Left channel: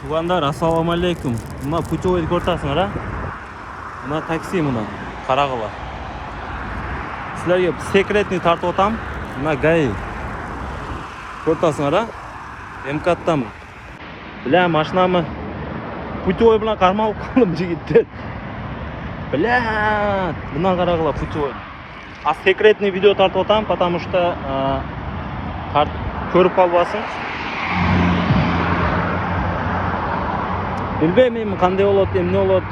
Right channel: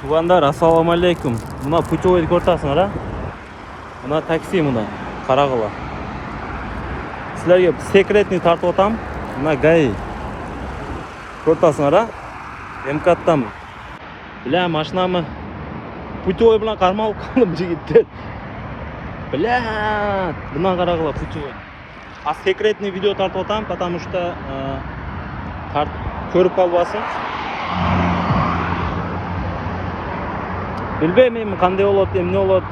Тугандар, ассаламу алейкум. Мына путевойды көрсөтасыңар, а? Мына такси мына, карагыла. Силерге секретный тартып атам. Мына ГАИ. Көрсөтасыңар, а? МКаттамын. Бля, машинамы путевой билан кармалып калдым, жигиттер. Бля, мына карагыла путевой. А секретный видео тартып атам, потому что көрүп калбасын. Билбейм эми кандай болот, эмне болот.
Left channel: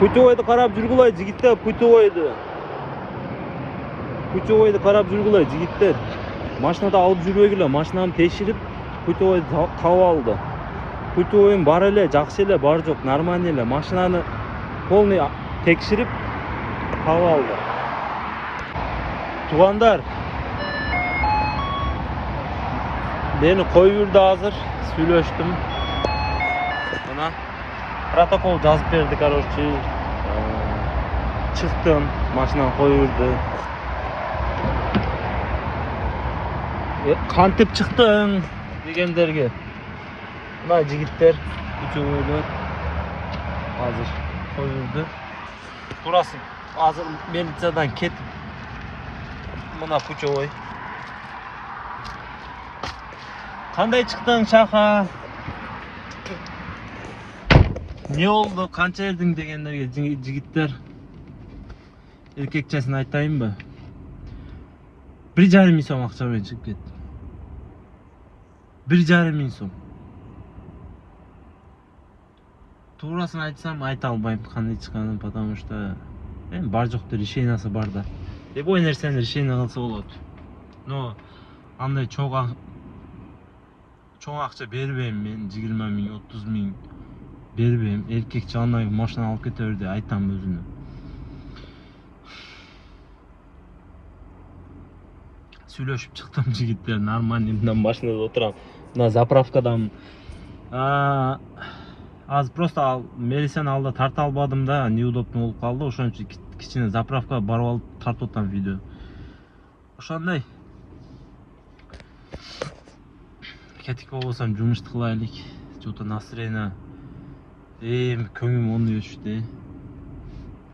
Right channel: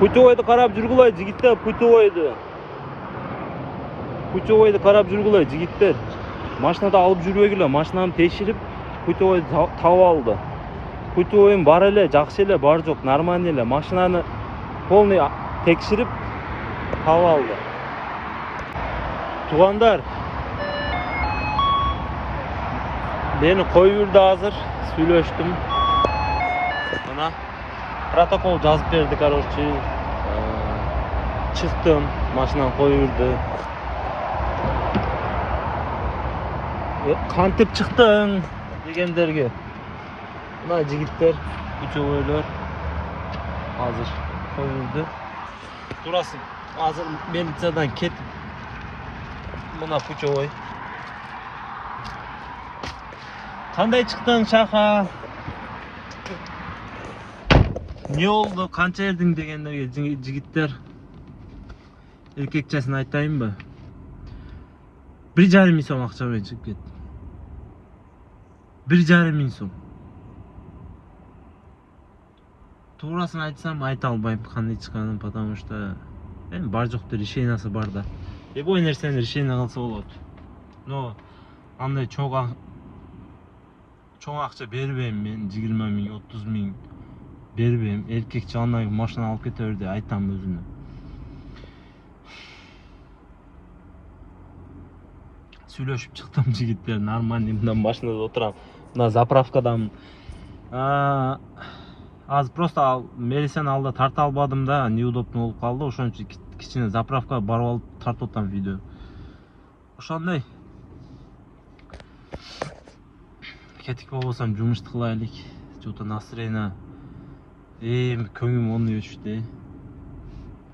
Путевойду карап жүргүлөй, жигиттер, путевойду. Путевойду карап жүргүлөй, жигиттер. Машинада алып жүрбөгүлө, машинаны текширип, путевойду таап алды. Путевойум бар эле, жакшы эле, бар жок, нормальный эле. Машинаны полный текширип таап алды. Тугандар, мени коюп жүрдү азыр, сүйлөштүм. Мына протокол жазып берди, короче. Чыктым, машинаны коюп жүрдү. Кантип чыктың дегендерге. Мына жигиттер путевойлор азыр коюп жүрдү. Турасы азыр милициядан кетип. Мына путевой. Кандай чыктың, шаха? Не болду, канча бердиң дегендерге жигиттер. Эркекчесин айтайынбы? 1,5 миң сом акча менен чыгып кеттим. 1,5 миң сом. Туурасын айтсам айта албайм кандай чыкканын, потому что бар жокту решениясы бар да. Любой нерсени решение кылса болот. Но андай чоң акча бербейм мен, 20 миң, 30 миң бербейм. Эркекче андай машина алып кете берди, айтам өзүнө. Сүйлөшүп чыктым, жигиттер, нормальный мындан машинада отурам. Мына заправкадан аз просто милицияны алда тарта албадым да, неудобно болуп калды. Ошон үчүн кичине заправкага барып алып тартып атам видео. Ошондой. Кетик болбосом жумушту кылайлык. Что-то настроение көңүм оңой өчтү.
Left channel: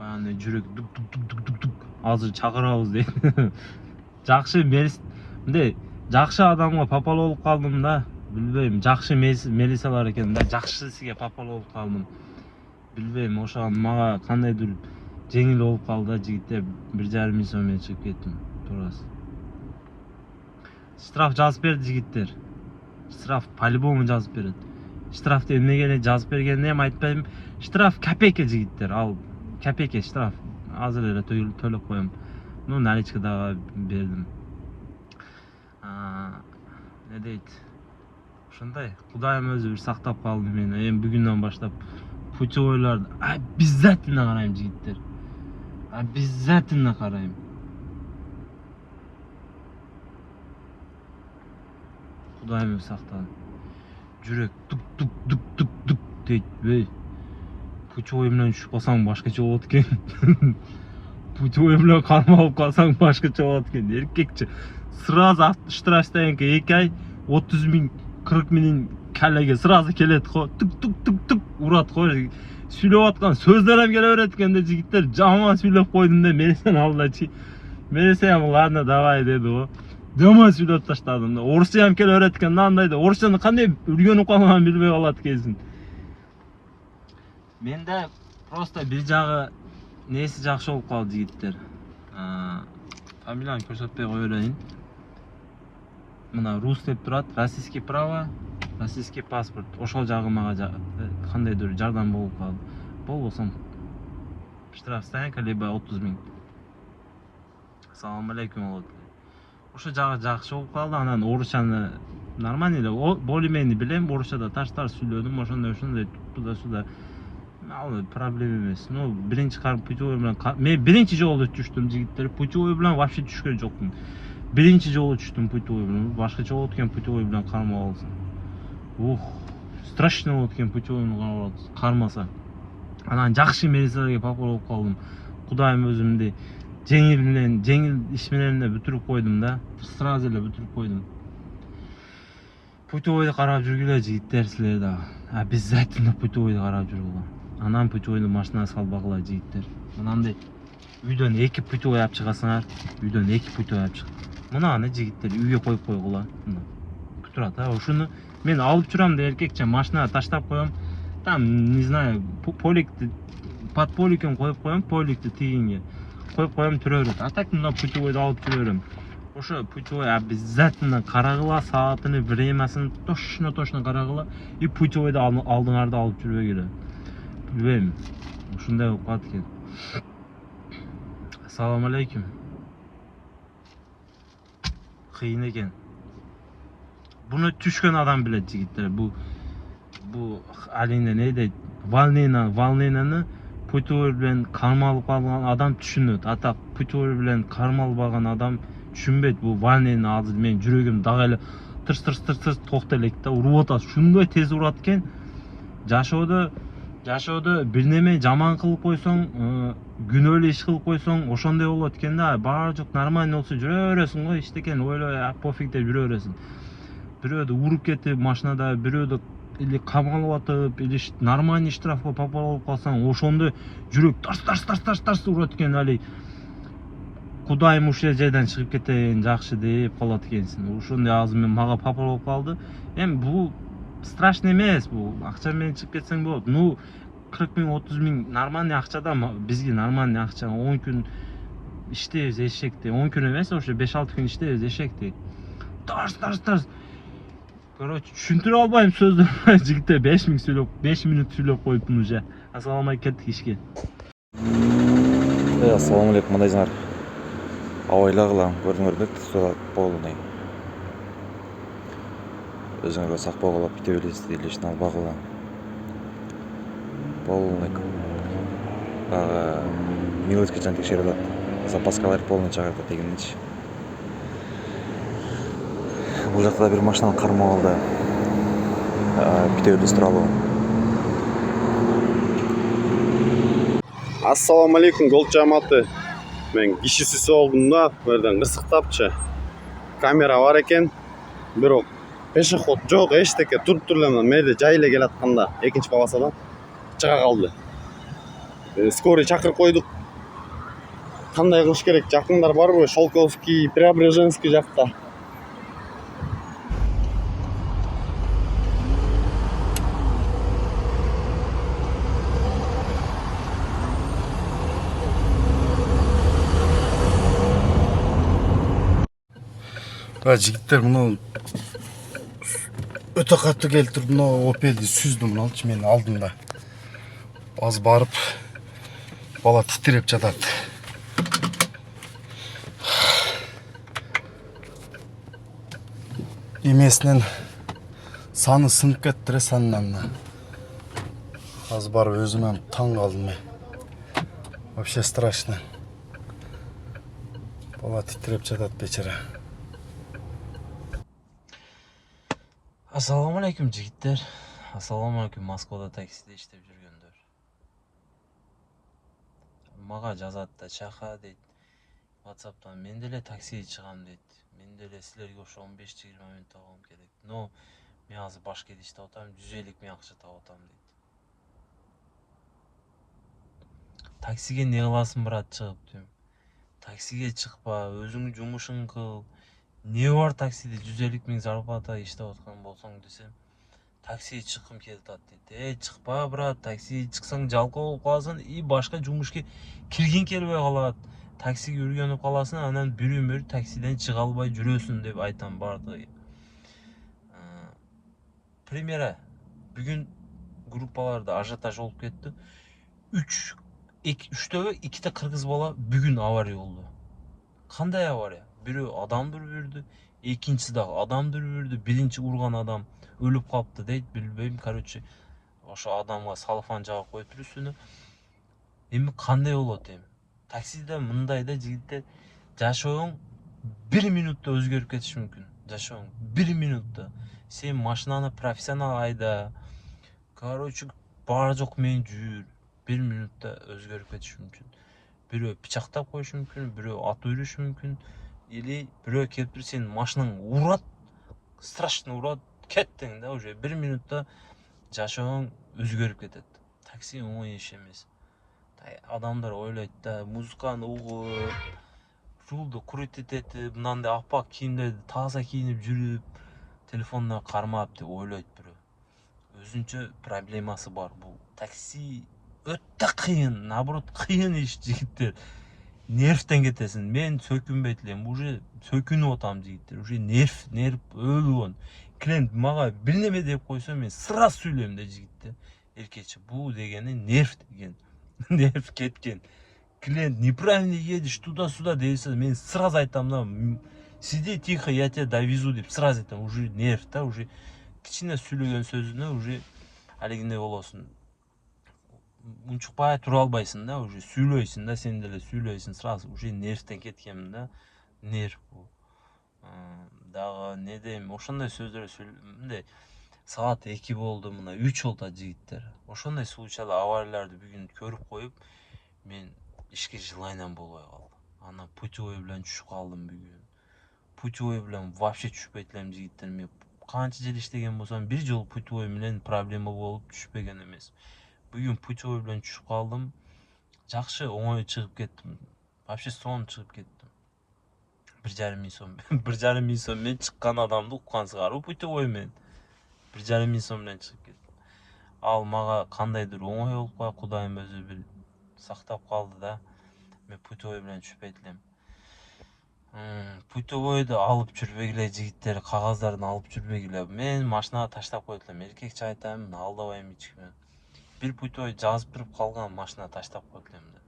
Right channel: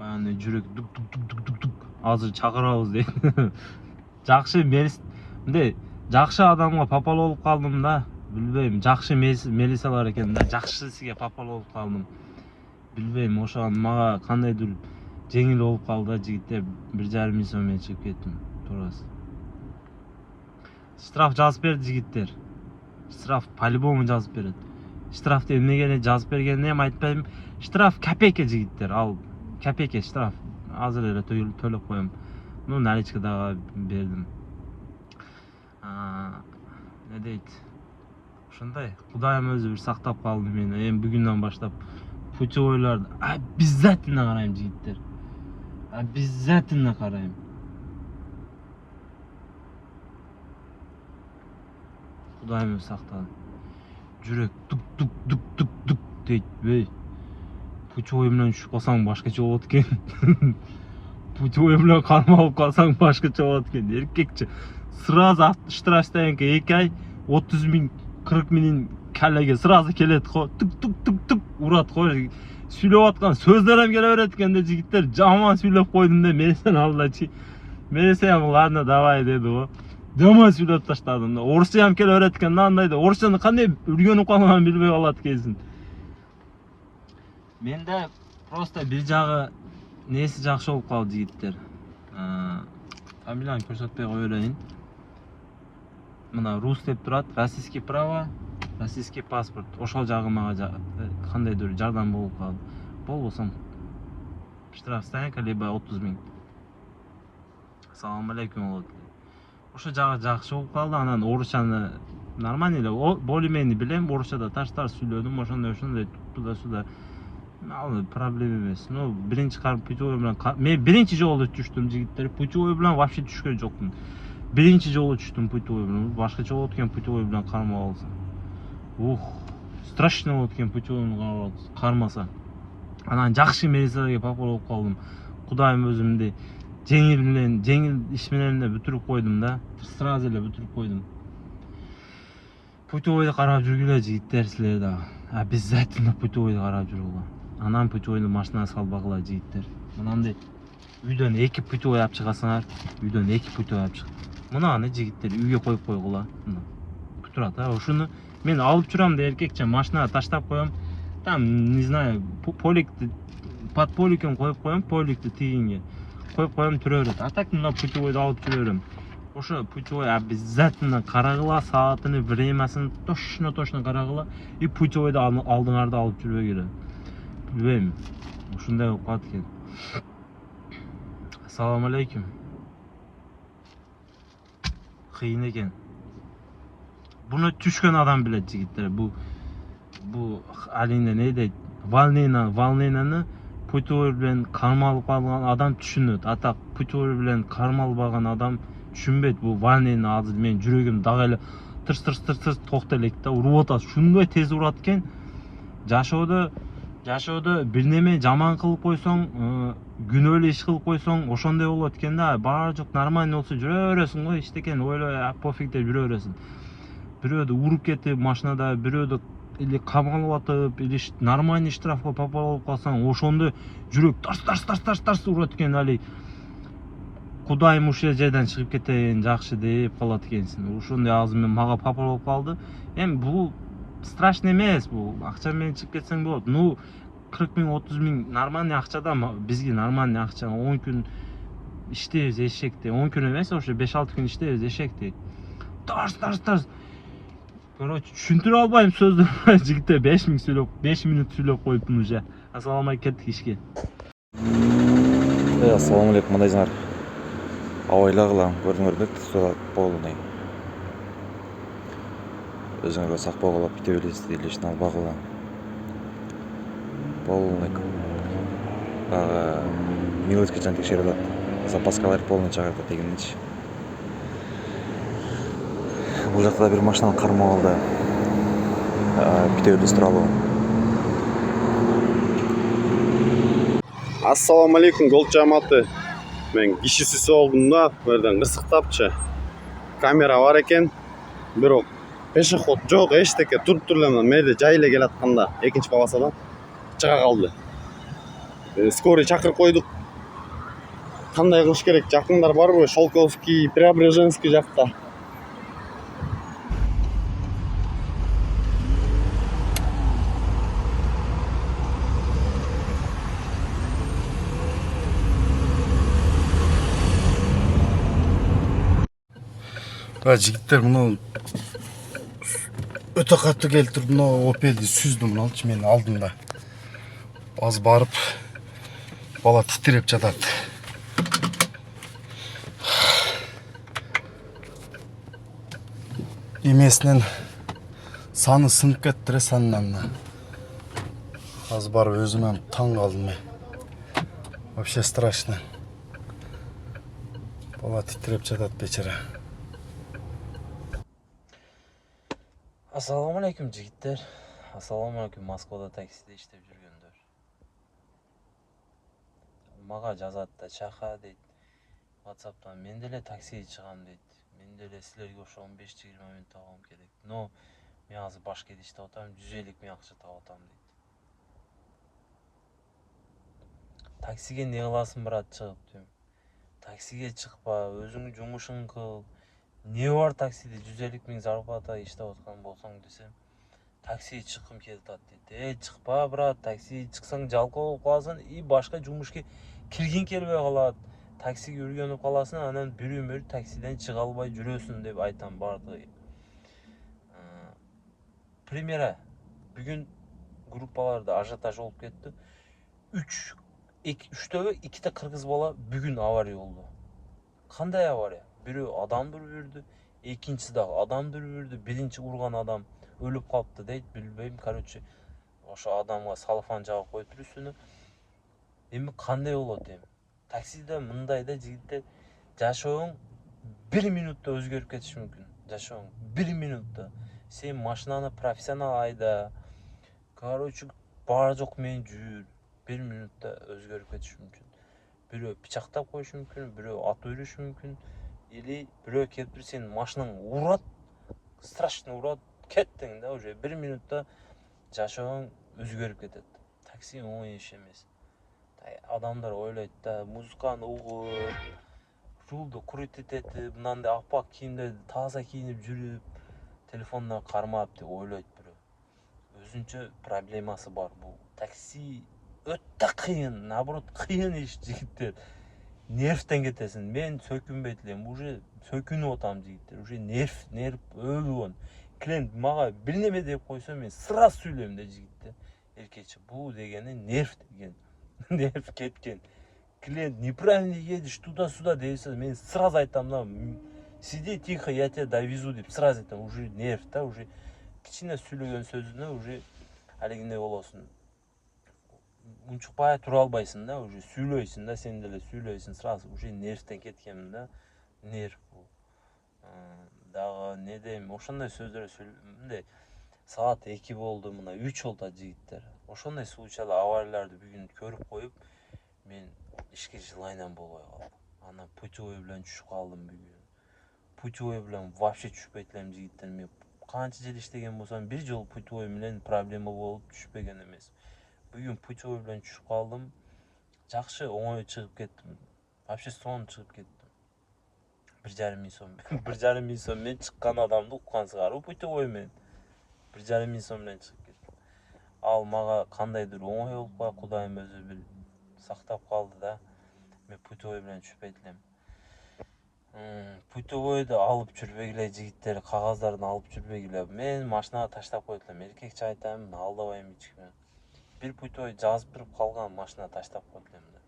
Баягы жүрөк дук. Азыр чакырабыз дейт. Жакшы мындай жакшы адамга попал болуп калдым да. Билбейм, жакшы милициялар экен да, жакшы сизге попал болуп калдым. Билбейм, ошо мага кандайдыр жеңил болуп калды, жигиттер. 1,5 миң сом менен чыгып кеттим. Турасы. Штраф жазып берди жигиттер. Штраф по-любому жазып берет. Штрафты эмнеге жазып бергенин эми айтпайм. Штраф копейка жигиттер, ал копейка штраф. Азыр эле төлөп коем. Ну, наличкада бердим. Не дейт? Ошондой, Кудайым өзү бир сактап калды мени. Эми бүгүндөн баштап путевойларды обязательно карайм, жигиттер. Обязательно карайм. Кудайым өзү сактады. Жүрөк тук дейт. Путевой менен түшүп калсаң башкача болот экен. Путевой менен кармалып калсаң башкача болот экен. Эркекче сразу штрафтан 2 ай 30 миң, 40 миңин калеге сразу келет го. Тук урат го. Сүйлөп аткан сөздөрүм келе берет экен да, жигиттер. Жаман сүйлөп койдум да, милициянын алдында. Милиция ладно, давай деди го. Жаман сүйлөп таштадым да. Орусчам келе берет экен да, андай да. Орусчаны кандай үйрөнүп калганын билбей калат экенсиң. Менде просто бир жагы неси жакшы болуп калды, жигиттер. Фамилияны көрсөтпөй кое берейин. Мына рус деп турат, российский право, российский паспорт. Ошол жагы мага кандайдыр жардам болуп калды. Болбосом штраф стоянка либо 30 миң. Ассаламу алейкум болот. Ошо жагы жакшы болуп калды. Анан орусчаны нормально эле, более-менее билем. Орусчада таштар сүйлөдүм, ошондой туда-сюда. Ал проблема эмес. Ну, биринчи путевой менен мен биринчи жолу түштүм, жигиттер. Путевой менен вообще түшкөн жокмун. Биринчи жолу түштүм путевой менен. Башкача болот экен путевой менен кармап алса. Страшно болот экен путевой менен кармаса. Анан жакшы милицияларга попал болуп калдым. Кудайым өзүмдү жеңил иш менен бүтүрүп койдум да. Сразу эле бүтүрүп койдум. путевойду карап жүргүлө жигиттер силер да. Обязательно путевойду карап жүргүлө. Анан путевойду машинага салбагыла жигиттер. Мынандай үйдөн 2 путевой алып чыгасыңар, үйдөн 2 путевой алып чык. Мынаны жигиттер үйгө коюп койгула. Турат, ушуну мен алып жүрам да эркекче машинага таштап коем. Там, не знаю, поликти под поликин коюп коем, поликти тигинге. Коюп коем, жүрө берет. А так мына путевойду алып жүрө берем. Ошо путевой обязательно карагыла, саатын, времясын точно карагыла и путевойду алдыңарда алып жүрбөгүлө. Билбейм. Ушундай болуп калат экен. Ассаламу алейкум. Кыйын экен. Буну түшкөн адам билет жигиттер. Бу алине не дейт? Волненияны путевой менен кармалып калган адам түшүнөт. А так путевой менен кармалбаган адам түшүнбөйт. Бу волнение азыр менин жүрөгүм дагы эле тырс токто элек да уруп атат. Шундай тез урат экен. Жашоодо бир неме жаман кылып койсоң, күнөөлүү иш кылып койсоң, ошондой болот экен да. Баары жок нормально болсо жүрө бересиң го, иштекен ойлой, пофиг деп жүрө бересиң. Бирөөдү уруп кетип машинада, бирөөдү или камалып атып, или нормальный штрафка попал болуп калсаң, ошондо жүрөк тарс урат экен. Али кудайым ушул жерден чыгып кетейин, жакшы деп калат экенсиң. Ошондой азыр мага попал болуп калды. Эми бул страшный эмес, бул акча менен чыгып кетсең болот. Ну 40 миң, 30 миң нормальный акча да, бизге нормальный акча. 10 күн иштейбиз эшекте. 10 күн эмес, ошо 5-6 күн иштейбиз эшекте. Тарс. Короче, түшүндүрө албайм сөздөр. Жигиттер 5 минут сүйлөп коюптун уже. Ассаламу алейкум, кеттик ишке. Ассаламу алейкум, мындайсыңар. Абайлагыла, көрдүңөр бет полный. Өзүңөргө сак болгула, путевойду илишин албагыла. Полный. Милочка жан текшерип атат. Запаскалар полный чыгартат дегенчи. Бул жакта бир машинаны кармап алды. Путевойду тууралуу. Ассаламу алейкум, гол жамааты. Мен кишисиз болдум да, бу жерден кырсыктапчы. Камера бар экен, бирок пешеход жок, эчтеке туруп эле мээде жай эле келатканда экинчи полосадан чыга калды. Скорый чакырып койдук. Кандай кылыш керек? Жакындар барбы? Шолковский, Преображенский жакта. Жигиттер, мына өтө катуу келтирип, мына Opel'ди сүздү, мыналчы менин алдымда. Аз барып, бала титиреп жатат. Эмесинен саны сынып кетти, санынан. Аз барып өзүм таң калдым. Вообще страшно. Бала титиреп жатат, бечара. Ассаламу алейкум жигиттер. Ассаламу алейкум Москвада таксиде иштеп жүргөндөр. Мага жазат да, чака дейт. WhatsApp'тан мен деле таксиге чыгам дейт. Мен деле силерге ошо 15-20 минут табам керек. Но мен азыр Башкентте иштеп атам, 150 миң акча табып атам дейт. Таксиге не кыласың, брат, чыгып дейм. Таксиге чыкпа, өзүңдүн жумушуңду кыл. Не бар таксиде 150 миң зарплата иштеп аткан болсоң десем, таксиге чыккым келип атат дейт. Чыкпа, брат, таксиге чыксаң жалкоо болуп каласың и башка жумушка киргиң келбей калат. Таксиге үргөнүп каласың, анан бир өмүр таксиден чыга албай жүрөсүң деп айтам бардыгы. Примера, бүгүн группаларда ажиотаж болуп кетти. 3-төгө 2 кыргыз бала бүгүн авария болду. Кандай авария? Бирөө адамды үрдү, экинчиси дагы адамды үрдү, биринчи урган адам өлүп калыпты дейт, билбейм, короче, ошо адамга салфан жаап коюптур үстүнө. Эми кандай болот эми? Таксиде мындай да жигиттер, жашооң 1 минутта өзгөрүп кетиши мүмкүн. Жашооң 1 минутта. Сен машинаны профессионал айда. Короче, баары жок менен жүр. 1 минутта өзгөрүп кетиши мүмкүн. Бирөө пычактап коюшу мүмкүн, бирөө атып өлүшү мүмкүн. Или бирөө келип туруп сенин машинаң урат, страшно урат, кеттиң да, уже 1 минутта жашооң өзгөрүп кетет. Такси оңой иш эмес. Адамдар ойлойт да, музыканы угуп, рулду крутить этип, мынандай апак кийимдерди таза кийинип жүрүп, телефонуна кармап деп ойлойт бирөө. Өзүнчө проблемасы бар бул. Такси өтө кыйын, наоборот кыйын иш жигиттер. Нервтен кетесиң. Мен сөкүнбөйт элем, уже сөкүнүп атам жигиттер. Уже нерв өлүгөн. Клиент мага бир неме деп койсо, мен сразу сүйлөйм да жигиттер. Эркечи, бул дегени нерв деген. Нерв кеткен. Клиент неправильно едешь туда-сюда десе, мен сразу айтам да, сиди тихо, я тебя довезу деп сразу айтам. Уже нерв да, уже кичине сүйлөгөн сөзүнө уже алигиндей болосуң. Унчукпай тура албайсың да, уже сүйлөйсүң да, сен деле сүйлөйсүң, сразу уже нервтен кеткенмин да. Нерв бул. Дагы не дейм, ошондой сөздөр мындай саат 2 болду, мына 3 болду жигиттер. Ошондой случайда аварияларды бүгүн көрүп коюп, мен ишке желаниям болбой калды. Анан путевой менен түшүп калдым бүгүн. Путевой менен вообще түшпөйт элем жигиттер. Мен канча жыл иштеген болсом, бир жолу путевой менен проблема болуп түшпөгөн эмес. Бүгүн путевой менен түшүп калдым. Жакшы оңой чыгып кеттим. Вообще сонун чыгып кеттим. 1,5 миң сом. 1,5 миң сом менен чыккан адамды уккансыңар, путевой менен. 1,5 миң сом менен чыгып кеттим. Ал мага кандайдыр оңой болуп калып, Кудайым өзү бир сактап калды да. Мен путевой менен түшпөйт элем. Путевойду алып жүрбөгүлө жигиттер, кагаздарын алып жүрбөгүлө. Мен машинага таштап койдум элем. Эркекче айтам, алдабайм эчкиме. Бир путевой жазып туруп калган, машинага таштап койдум элем да.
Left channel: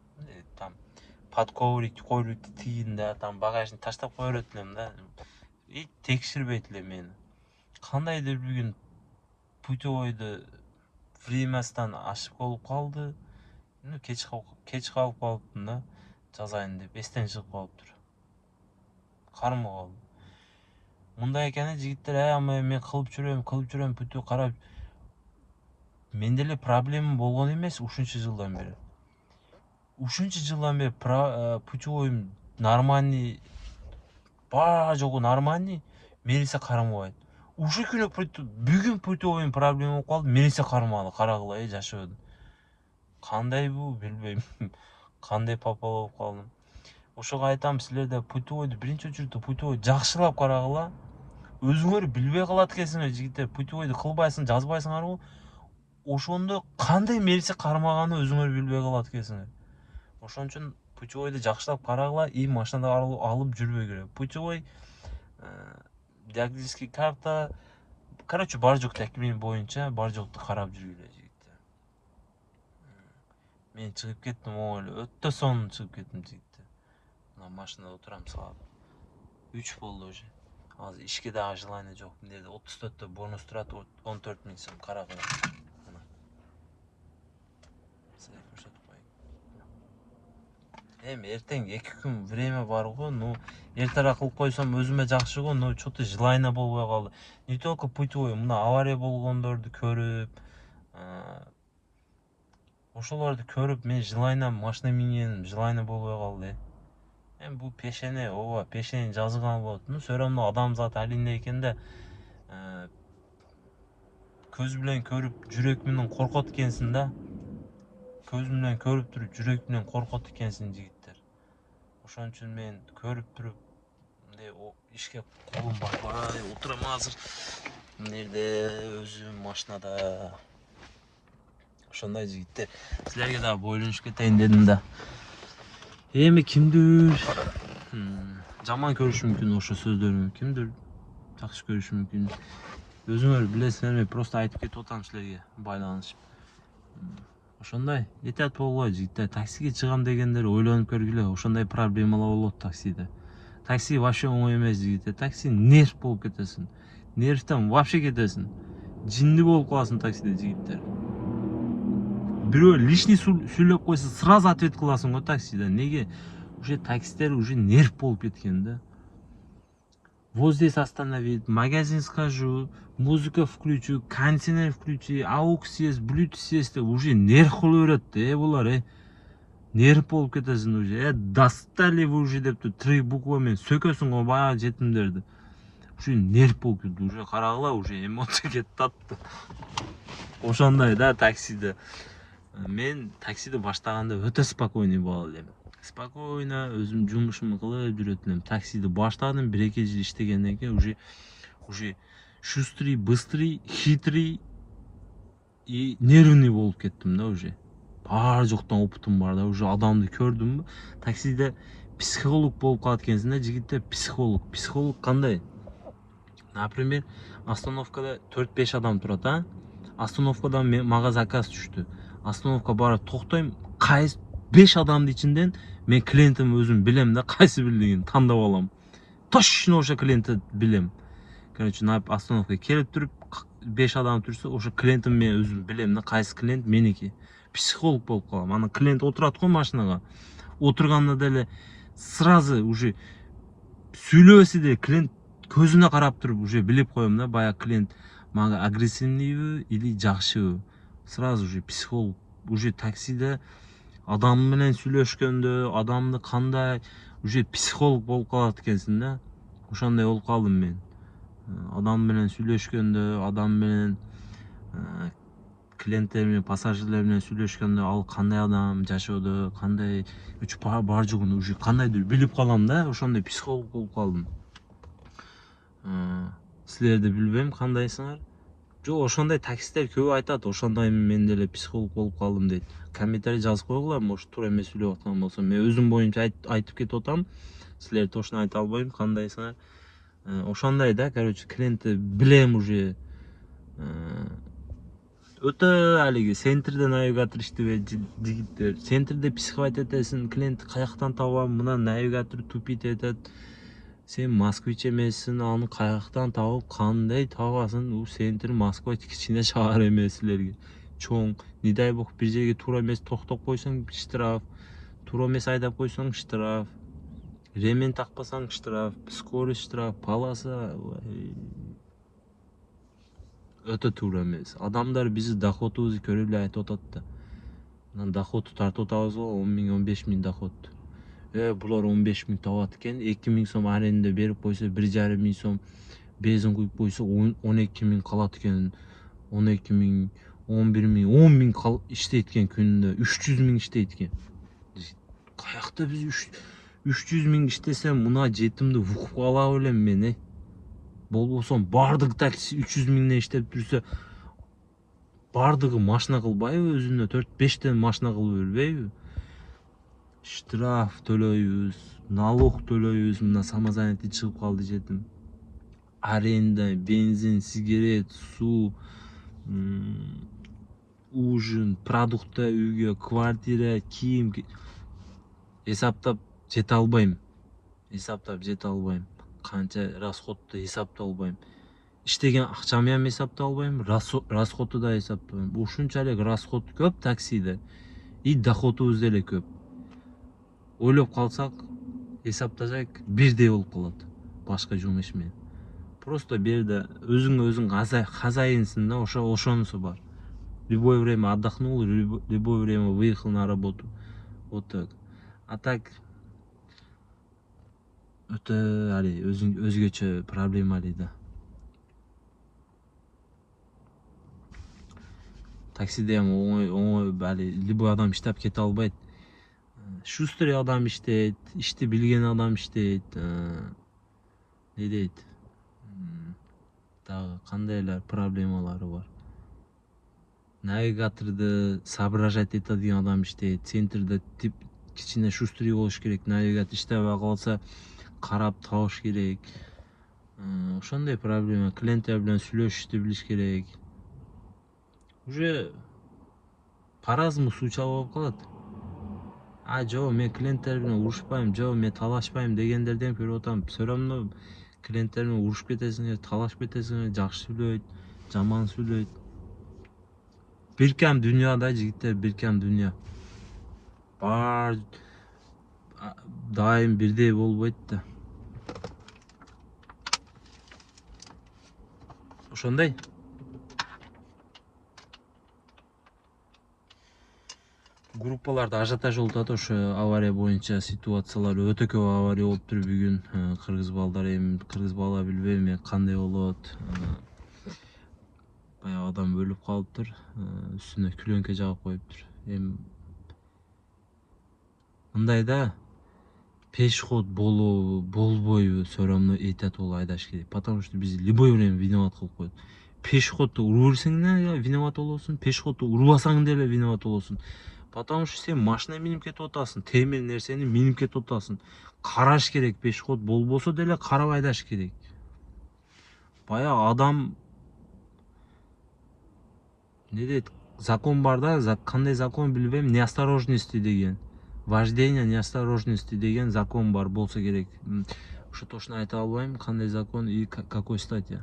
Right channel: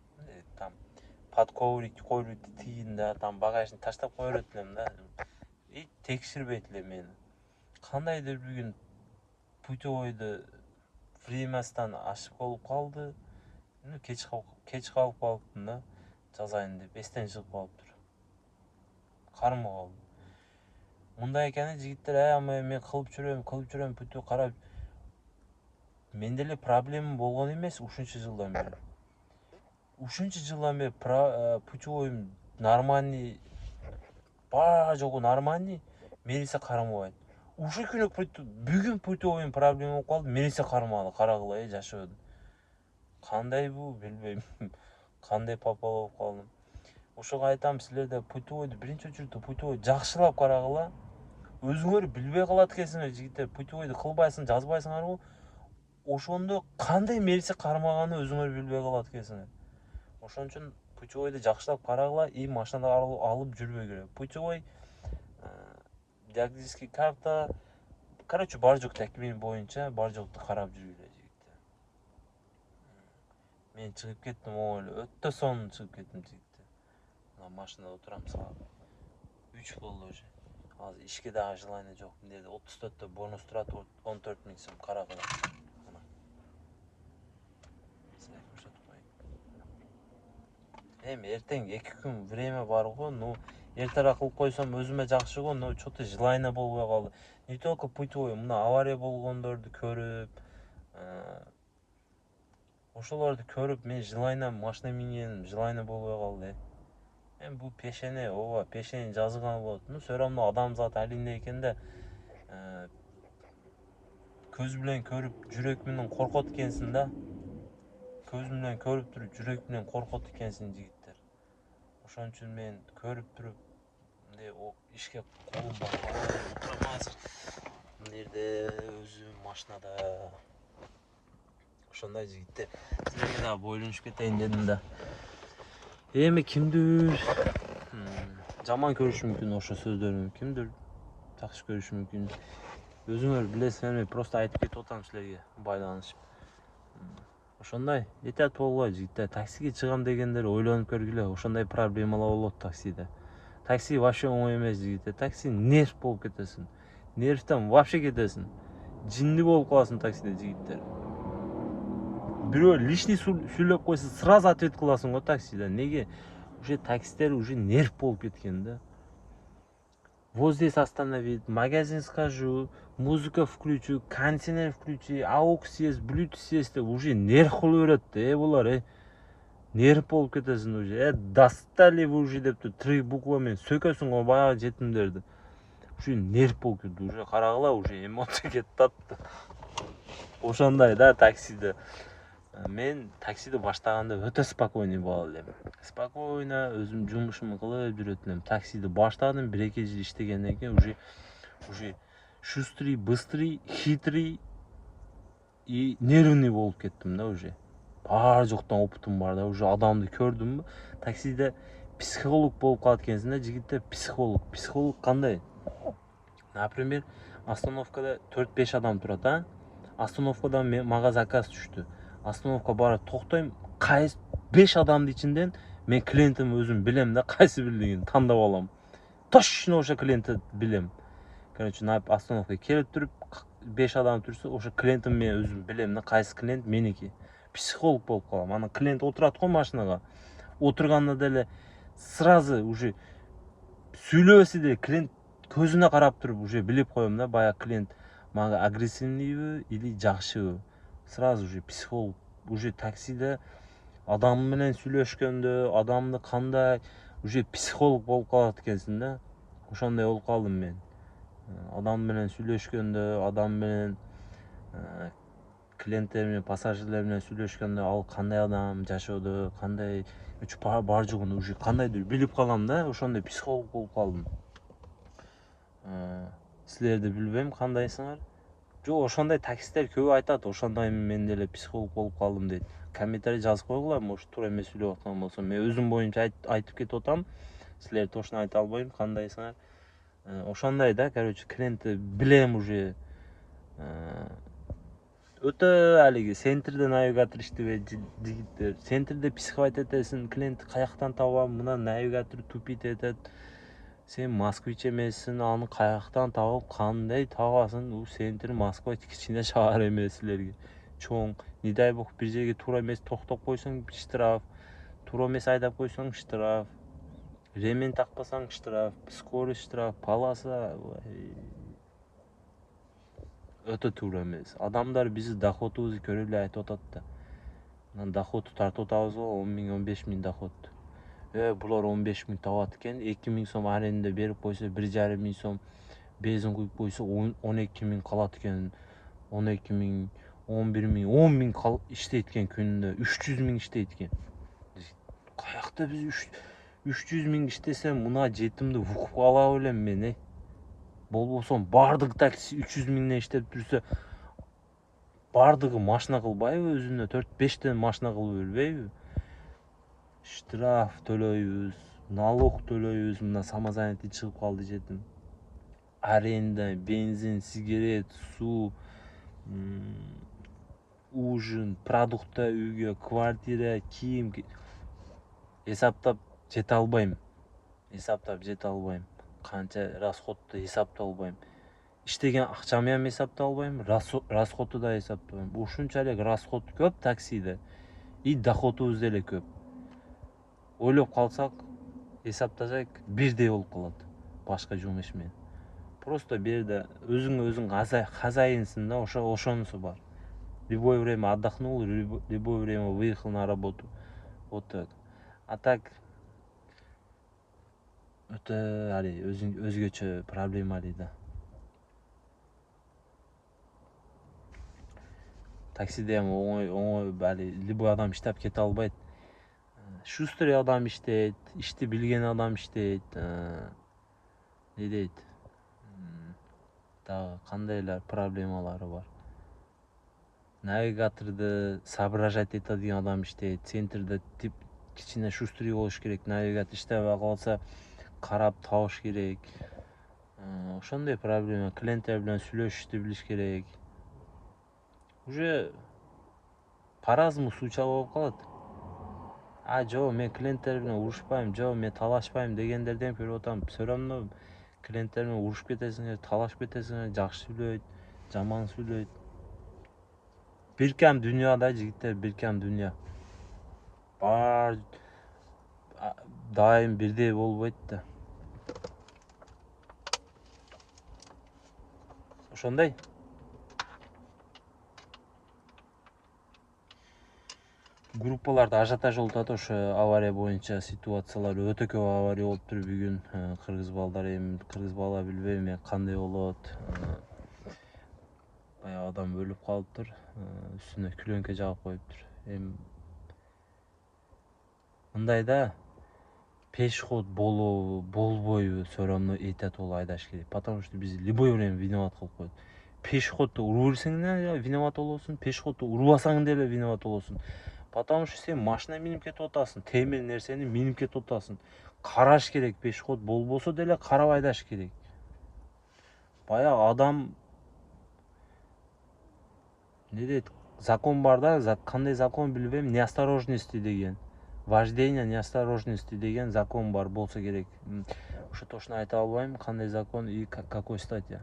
Там под коврик тигин да, там багажын таштап кое берет элем да. И текширбейт элем мени. Кандайдыр бүгүн путевойду времясынан ашып болуп калды. Кеч калып калыптым да, жазайын деп эстен чыгып калыптыр. Кармы калдым. Мындай экени жигиттер, мен кылып жүрөм, путевой карап. Менде эле проблема болгон эмес ушунча жылдан бери. Ушунча жылдан бери путевойм нормальный, баары жогу нормальный, милиция кармабайт. Ушу күнү бүгүн путевойм проблема болуп калды, милиция кармады, карагыла жашоодо. Кандай бул, билбейм. Кандай папа болуп калдым. Ошого айтам, силерде путевойду биринчи очередде путевой жакшылап карагыла. Өзүңөр билбей калат экенсиңер жигиттер, путевойду кылбайсың, жазбайсыңарбы? Ошондо кандай милиция кармаганы өзүңөр билбей калат экенсиңер. Ошон үчүн путевойду жакшылап карагыла, и машинада алып жүрбөгүлө. Путевой, диагностический карта, короче, бар жок такмин боюнча бар жокту карап жүргүлө жигиттер. Мен чыгып кеттим, өтө сонун чыгып кеттим жигиттер. Мына машинада отурам, саат 3 болду уже. Азыр ишке дагы желание жок. Мындайда 34-тө бонус турат, 14 миң сом карагыла. Эми эртең 2 күн время бар го, эртерээк кылып койсом өзүмө жакшы го, что-то желание болбой калды. Не только путевой, мына авария болгондорду көрүп, ошолорду көрүп, мен желание машина минген, желание болбой калды. Эми бул пешене, пешенени жазган болот. Все равно адамзат алинде экен да, көз менен көрүп, жүрөк менен коркот экенсиң да. Көз менен көрүп туруп, жүрөк менен коркот экенсиң жигиттер. Ошон үчүн мен көрүп туруп, мындай ишке колум барбай отурам азыр. Мындайда өзүм машинада. Ошондой жигиттер. Силерге дагы бойлонуп кетейин дедим да. Эми кимдир жаман көрүшү мүмкүн ошо сөздөрүн, кимдир жакшы көрүшү мүмкүн. Өзүңөр билесиңер, мен просто айтып кетип атам силерге байланышып. Ошондой этят болгула жигиттер. Таксиге чыгам дегендер ойлонуп көргүлө, ошондой проблемалар болот таксиде. Такси вообще оңой эмес жигиттер. Такси нерв болуп кетесиң. Нервтен вообще кетесиң. Жинди болуп каласың таксиде жигиттер. Бирөө лишний сүйлөп койсо сразу ответ кыласың го таксиде. Неге? Уже таксилер уже нерв болуп кеткен да. Вот здесь остановить, магазин схожу, музыка включу, кондиционер включи, AUX есть, Bluetooth есть, уже нерв кылып берет, булар, нерв болуп кетесиң уже. Достали вы уже деп 3 буквамен сөкөсүң го баягы жетимдерди. ушу нерв болуп кетти, уже карагыла уже эмоция кетип атты. Ошондой да таксиде. Мен таксиди баштаганда өтө спокойный боло элем. Спокойно өзүм жумушумду кылып жүрөт элем. Таксиди баштадым, 1-2 жыл иштегенден кийин уже шустрый, быстрый, хитрый и нервный болуп кеттим да уже. Бар жоктон опытым бар да, уже адамды көрдүмбү. Таксиде психолог болуп калат экенсиң да, жигиттер психолог. Психолог кандай? Например, остановкада 4-5 адам турат, а? Остановкадан мага заказ түштү. Остановка барып токтойм, кайсы 5 адамдын ичинден мен клиентим өзүм билем да, кайсы бирлигин тандап алам. Точно ошо клиентти билем. Короче, остановкага келип туруп 5 адам турса, ошо клиентим мен өзүм билем да, кайсы клиент меники. Психолог болуп калам. Анан клиент отурат го машинага. Отурганда деле сразу уже сүйлөбөсө деле клиент көзүнө карап туруп уже билип коем да, баягы клиент мага агрессивныйбы или жакшыбы. Сразу уже психолог. Уже таксиде адам менен сүйлөшкөндө, адамды кандай уже психолог болуп калат экенсиң да. Ошондой болуп калдым мен. Адам менен сүйлөшкөндө, адам менен клиенттер менен, пассажирлер менен сүйлөшкөндө, ал кандай адам жашоодо, кандай бар жогун уже кандайдыр билип калам да, ошондой психолог болуп калдым. Силерди билбейм кандайсыңар. Жок, ошондой таксисттер көп айтат, ошондой мен деле психолог болуп калдым дейт. Комментарий жазып койгула, может туура эмес сүйлөп аткан болсом. Мен өзүм боюнча айтып кетип атам. Силер точно айта албайм кандайсыңар. Ошондой да, короче, клиентти билем уже. Өтө алиги центрде навигатор иштебейт жигиттер. Центрде психовать этесиң, клиент каяктан табам, мына навигатор тупить этет. Сен москвич эмессиң, аны каяктан табып, кандай табасың? У центр Москва кичине шаар эмес силерге. Чоң, не дай бог бир жерге туура эмес токтоп койсоң штраф, туура эмес айдап койсоң штраф, ремень такпасаң штраф, скорость штраф, полоса. Өтө туура эмес. Адамдар биздин доходубузду көрүп эле айтып атат да. Мына доходду тартып атабыз го, 10 миң, 15 миң доход. Булар 15 миң табат экен, 2 миң сом аренда берип койсо, 1,5 миң сом бензин куюп койсо, 12 миң калат экен. 12 миң, 11 миң, 10 миң иштейт экен күнүндө, 300 миң иштейт экен. Каякта биз 300 миң иштесем, мына жетимди укуп ала белем мен, Болбосо бардык такси 300 миңден иштеп турса, бардыгы машина кылбайбы, өзүнө 4-5 тен машина кылып бербейби? Штраф төлөйбүз, налог төлөйбүз, мына самозанятый чыгып калды жетим. Аренда, бензин, сигарет, суу, ужин, продукта үйгө, квартира, кийим. Эсаптап жете албайм. Канча расходду эсаптап албайм. Иштеген акчамды ham эсаптап албайм, расходду да эсаптабайм. Ушунчалык расход көп таксиде, и доходубуз деле көп. Ойлоп калсак, эсаптасак бирдей болуп калат башка жумуш менен. Просто бул жерде өзүңө өзүң хозяинсың да, ошонусу бар. Любое время отдохнул, любое время выехал на работу. Вот так. А так өтө али өзгөчө проблемалый да. Таксиде ham оңой али любой адам иштеп кете албайт. Шустрый адам иштейт, ишти билген адам иштейт. Не дейт? Дагы кандайлар проблемалары бар. Навигаторду соображать этедиген адам иштейт. Центрде тип кичине шустрый болуш керек. Навигатор иштебей калса, карап табыш керек. Ошондой проблема. Клиенттер менен сүйлөшүштү билиш керек. Уже по-разному случай болуп калат. Жок, мен клиенттер менен урушпайм, жок, мен талашпайм дегендерден көрүп атам. Всё равно клиенттер менен урушуп кетесиңер, талашып кетесиңер, жакшы сүйлөйт, жаман сүйлөйт. Биркем дүйнө да, жигиттер, биркем дүйнө. Бар дайым бирдей болбойт да. Ошондой. группаларда ажиотаж болуп атат ошо авария боюнча ситуациялар өтө көп авария болуптур бүгүн. Кыргыз балдар эми кыргыз бала билбейм эми кандай болот. Баягы адам өлүп калыптыр. Үстүнө күлөңкө жаап коюптур. Эми мындай да пешеход болобу болбойбу все равно этят болуп айдаш керек, потому что биз любой время виноват кылып коет. Пешеходду уруп берсең деле виноват болосуң, пешеходду урбасаң деле виноват болосуң. Потому что сен машина минип кетип атасың, темир нерсени минип кетип атасың. Караш керек, пешеход болбосо деле карап айдаш керек. Баягы адам не дейт, закон бар да, кандай закон билбейм, неосторожности деген. Вождение неосторожности деген закон бар болсо керек. Ошо точно айта албайм кандай закон и какой статья.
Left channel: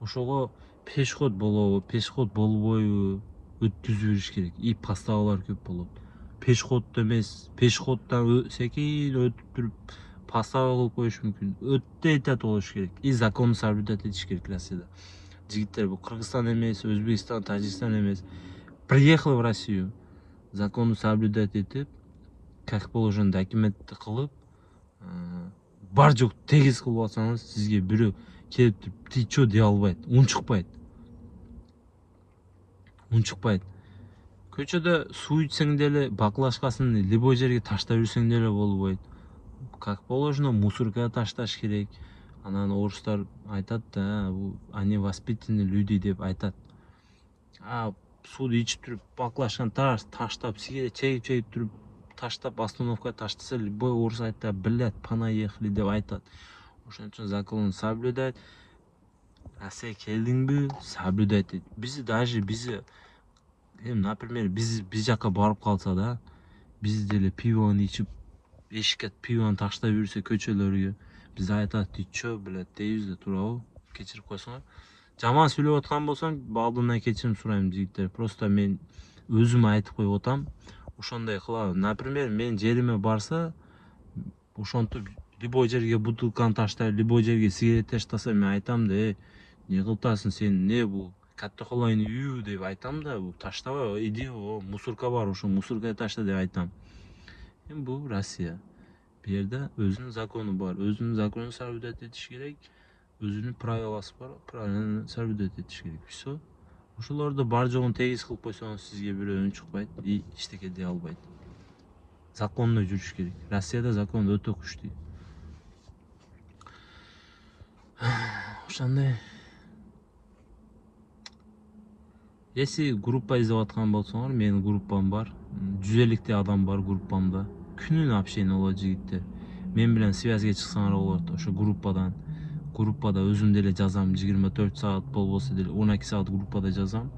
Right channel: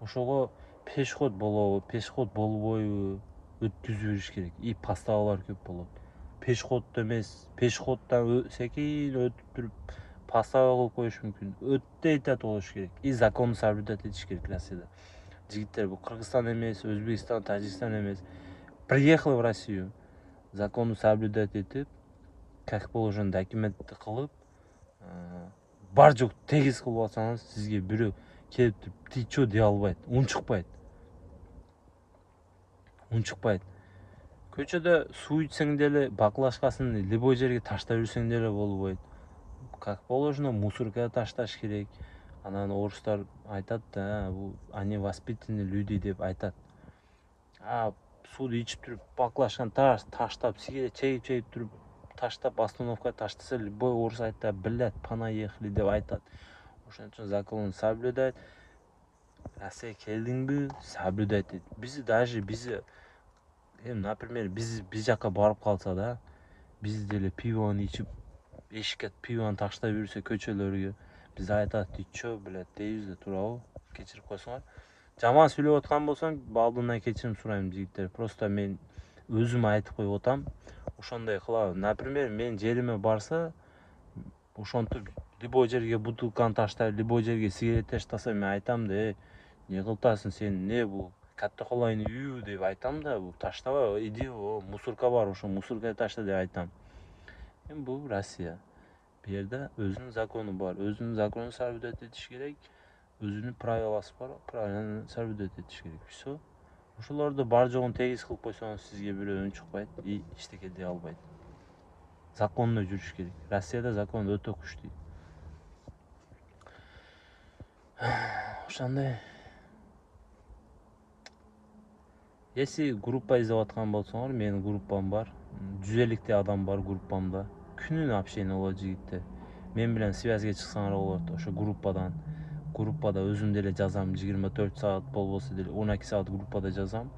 Ошого пешеход болобу, пешеход болбойбу өткүзүп бериш керек. И поставалар көп болот. Пешеходду эмес, пешеходдон секин өтүп туруп постава кылып коюш мүмкүн. Өтө этят болуш керек. И законду соблюдать этиш керек Россияда. Жигиттер, бул Кыргызстан эмес, Өзбекстан, Тажикстан эмес. Приехал в Россию, законду соблюдать этип, как положено документти кылып, бар жок тегиз кылып алсаңыз, сизге бирөө келип туруп, ты чё дей албайт, унчукпайт. Унчукпайт. Көчөдө суу ичсең деле баклажкасын любой жерге таштап жүрсең деле болбойт. Как положено мусоркага ташташ керек. Анан орустар айтат да, бул они воспитанные люди деп айтат. Сууду ичип туруп баклажканы таштап, сигаret чегип туруп таштап остановкага таштаса, любой орус айтат, блять, понаехали деп айтат. Ошон үчүн законду соблюдать. Россияга келдиңби, соблюдать эт. Биз даже например, биз жака барып калса да, биз деле пивону ичип, эшикке пивону таштап жүрсө көчөлөргө, биз айтат, ты чё, блять, дейбиз да, туурабы? Кечирип койсоңор. Жаман сүйлөп аткан болсом, алдымдан кечирим сурайм жигиттер. Просто мен өзүм айтып коюп атам. Ошондой кылабын. Например, мен жериме барса, ошентип любой жерге бутылканы таштап, любой жерге сигарет таштаса, мен айтам да, не кылып атасың сен, не бул катта колайны үй деп айтам да, бул таштабай, иди, мусорка бар, ошо мусоркага ташта деп айтам. Эми бул Россия. Бу жерде өзүнүн закону бар, өзүнүн законун соблюдать этиш керек. Өзүнүн правиласы бар, правиланы соблюдать этиш керек. Все. Ошолорду бар жогун тегиз кылып койсоңуз, сизге бирөө унчукпайт и эчтеке дей албайт. Закондо жүрүш керек. Россияда закон өтө күчтүү. Ошондой. Если группа издеп аткан болсоңор, менин группам бар. 150 адам бар группамда. Күнүнө общение болот жигиттер. Мен менен связьга чыксаңар болот. Ошо группада өзүм деле жазам. 24 саат болбосо деле 12 саат группада жазам.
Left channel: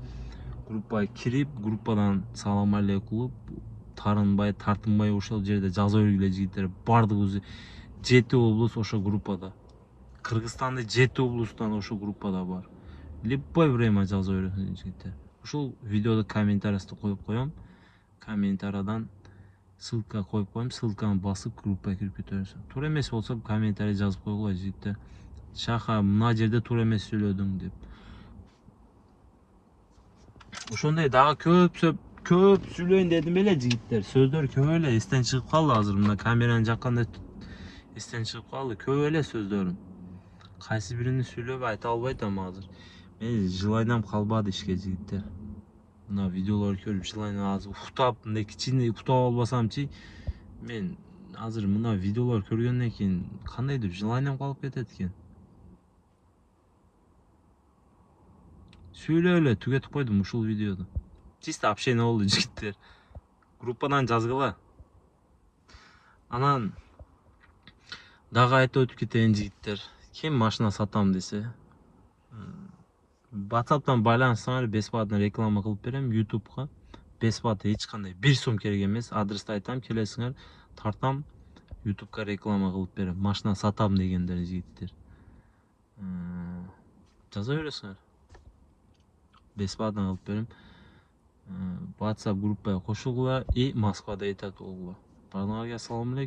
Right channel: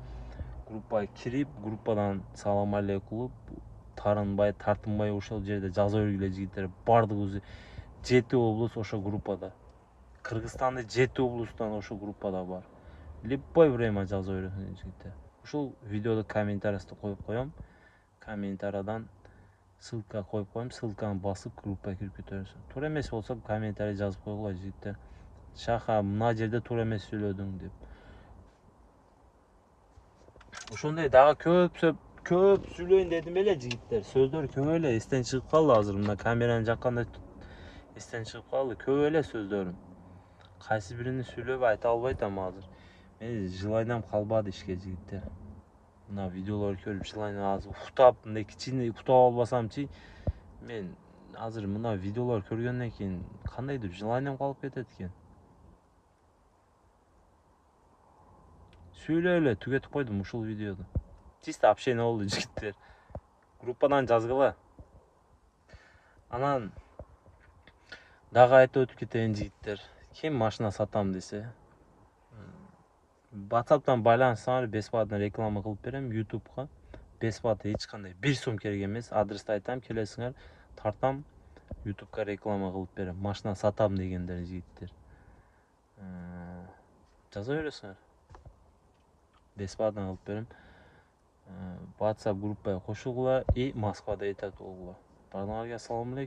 Группага кирип, группадан салам алейкум, тартынбай ошол жерде жаза бергиле жигиттер. Бардыгыбыз 7 облус ошо группада. Кыргызстанда 7 облустан ошо группада бар. Любой время жаза бересиң жигиттер. Ушул видеода комментарийди коюп коем. Комментарийдан ссылка коюп коем. Ссылканы басып группага кирип кете бересиң. Туура эмес болсо комментарий жазып койгула жигиттер. Шаха, мына жерде туура эмес сүйлөдүң деп. Ошондой дагы көп сүйлөйүн дедим эле жигиттер. Сөздөр көп эле эстен чыгып калды азыр. Мына камераны жакканда эстен чыгып калды. Көп эле сөздөрүм. Кайсы бирини сүйлөп айта албай атам азыр. Мен желаниям калбады ишке жигиттер. Мына видеолорду көрүп желаниям азыр уктап, мындай кичине уктап албасамчы, мен азыр мына видеолорду көргөндөн кийин кандайдыр желаниям калып кетет экен. Сүйлөп эле түгөтүп койдум ушул видеоду. Чисто общение болду жигиттер. Группадан жазгыла. Анан дагы айтып өтүп кетейин жигиттер. Ким машина сатам десе, WhatsApp'тан байланышсаңар, бесплатно реклама кылып берем YouTube'га. Бесплатно эч кандай 1 сом керек эмес. Адрести айтам, келесиңер, тартам, YouTube'га реклама кылып берем. Машина сатам дегендер жигиттер. Жаза бересиңер. Бесплатно кылып берем. WhatsApp группага кошулгула и Москвада этат болгула. Баарыңарга ассаламу алейкум.